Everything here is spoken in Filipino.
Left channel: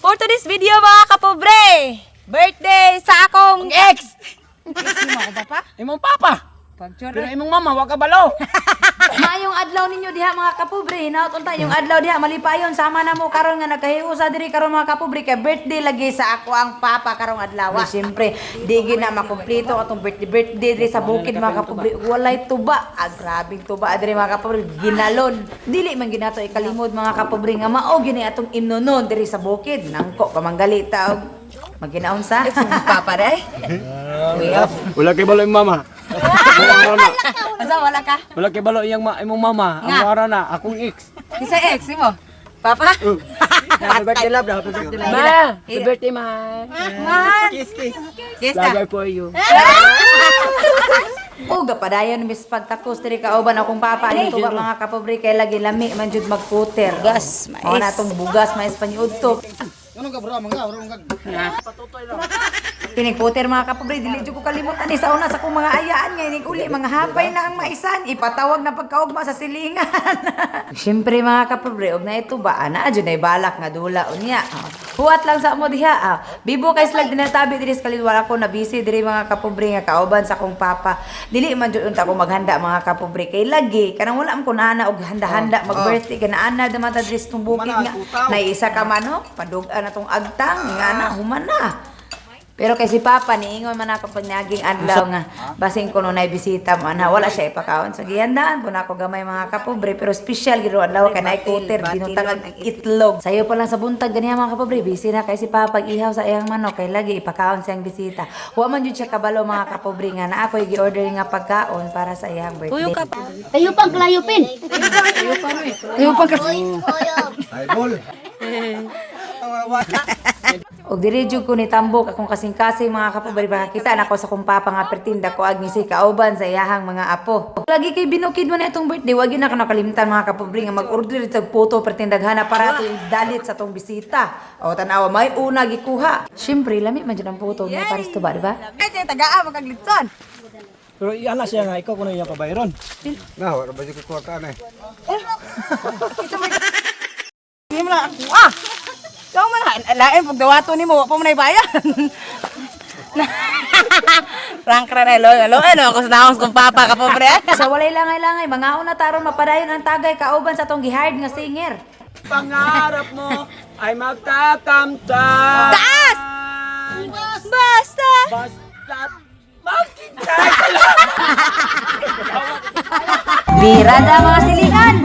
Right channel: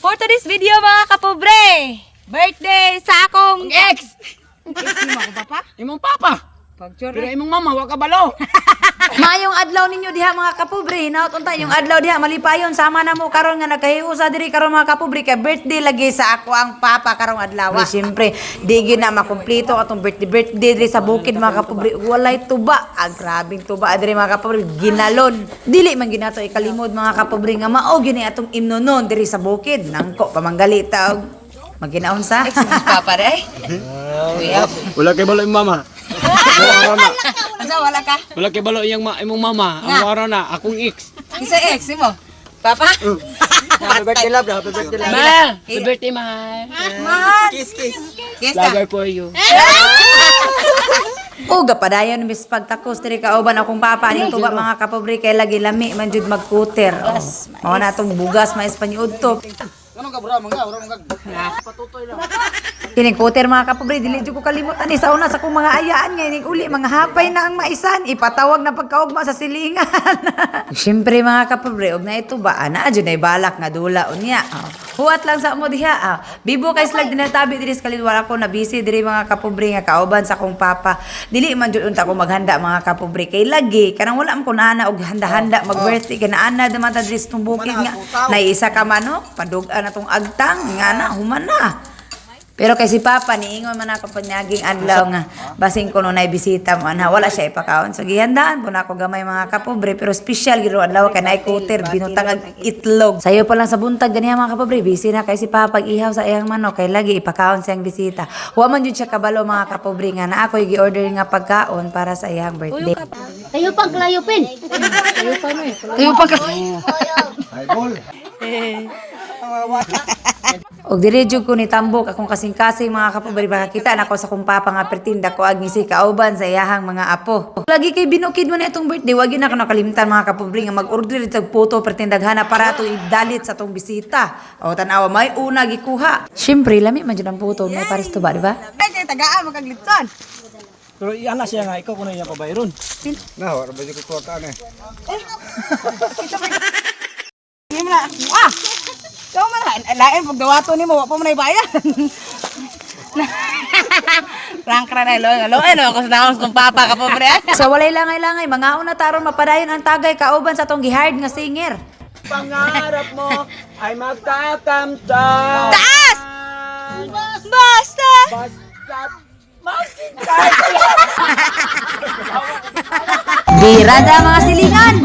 For today's video mga kapobre, birthday sa akong ex. Ex mo ako ba pa? Imong papa. Pero imong mama, wa ka balo. Maayong adlaw ninyo diha mga kapobre, hinaut unta yung adlaw diha malipayon sama na mo karon nga nagkahiusa diri karon mga kapobre kay birthday lagi sa ako ang papa karong adlaw. Siyempre, di gyud na makumpleto atong birthday diri sa bukid mga kapobre. Walay tuba, grabing tuba diri mga kapobre, ginalon. Dili man ginato ikalimod mga kapobre nga mao gini atong imnonon diri sa bukid. Nangko pamanggali taog. Maginaon sa ex mo papa day. Wala kay balo imong mama. Wala na. Asa wala ka? Wala kay balo iyang imong mama. Ang wara na akong ex. Kisa ex mo? Papa? Happy birthday love, happy birthday love. Ma, happy birthday ma. Man. Kiss kiss. Kiss Lover ka. for you. Uga padayon mis pagtakos diri kauban akong papa dito ba mga kapobre kay lagi lami man jud magputer. Bugas, mais. Natong bugas mais paniudto. Ano ka bro, mangga, mangga. Patutoy lang. Tinig puter mga kapobre dili jud ko kalimot ani sa una sa akong mga ayaan ngayon uli mga hapay na ang maisan ipatawag na pagkaugma sa silingan. Syempre mga kapobre og na ito ba ana jud nay balak nga dula unya. Huwat lang sa mo diha. Bibo kay slag dinatabi diri sa kalidwala ko na busy diri mga kapobre nga kauban sa akong papa. Dili man jud unta ko maghanda mga kapobre kay lagi kanang wala man ko naana og handa-handa mag-birthday kanaana daman ta diri sa bukid nga naisa ka manok padug-an atong agtang nga na human na. Pero kay si Papa niingon man ako panyaging adlaw nga basing ko no nay bisita mo ana wala siya ipakaon so gihandaan po na ako gamay mga kapobre pero special gid adlaw kay nay kuter binutang ag itlog sayo pa lang sa buntag ganiya mga kapobre busy na kay si Papa ihaw sa iyang manok kay lagi ipakaon siyang bisita wa man jud siya kabalo mga kapobre nga na ako gi-order nga pagkaon para sa iyang birthday Kayo pang klayupin. kayo pa Og diri jud ko ni tambok akong kasing-kasing mga kapobre makakita na ko sa kong papa nga pertinda ko ag si kauban sa iyahang mga apo. Lagi kay binukid mo na itong birthday wag na ako nakalimtan mga kapobre nga mag-order itong photo pertindaghana para to idalit sa tong bisita. O tanawa may una gikuha. Syempre lami man jud ang photo may pares to ba di ba? Ay kay tagaa magaglitsan. Pero iana siya nga ikaw kuno iya pabayron. Na, wala ba yung kwarta na eh. Hindi mo na ikaw man lain pag dawato nimo wa pa man bayan. Frank Ranelo, hello, ako sa naos kong papa ka pobre. So walay langay-langay, mga una taron mapadayon ang tagay kauban sa tong gihard nga singer. Pangarap mo ay magtatamta. Taas! Basta! Basta magkita. Birada mga silingan.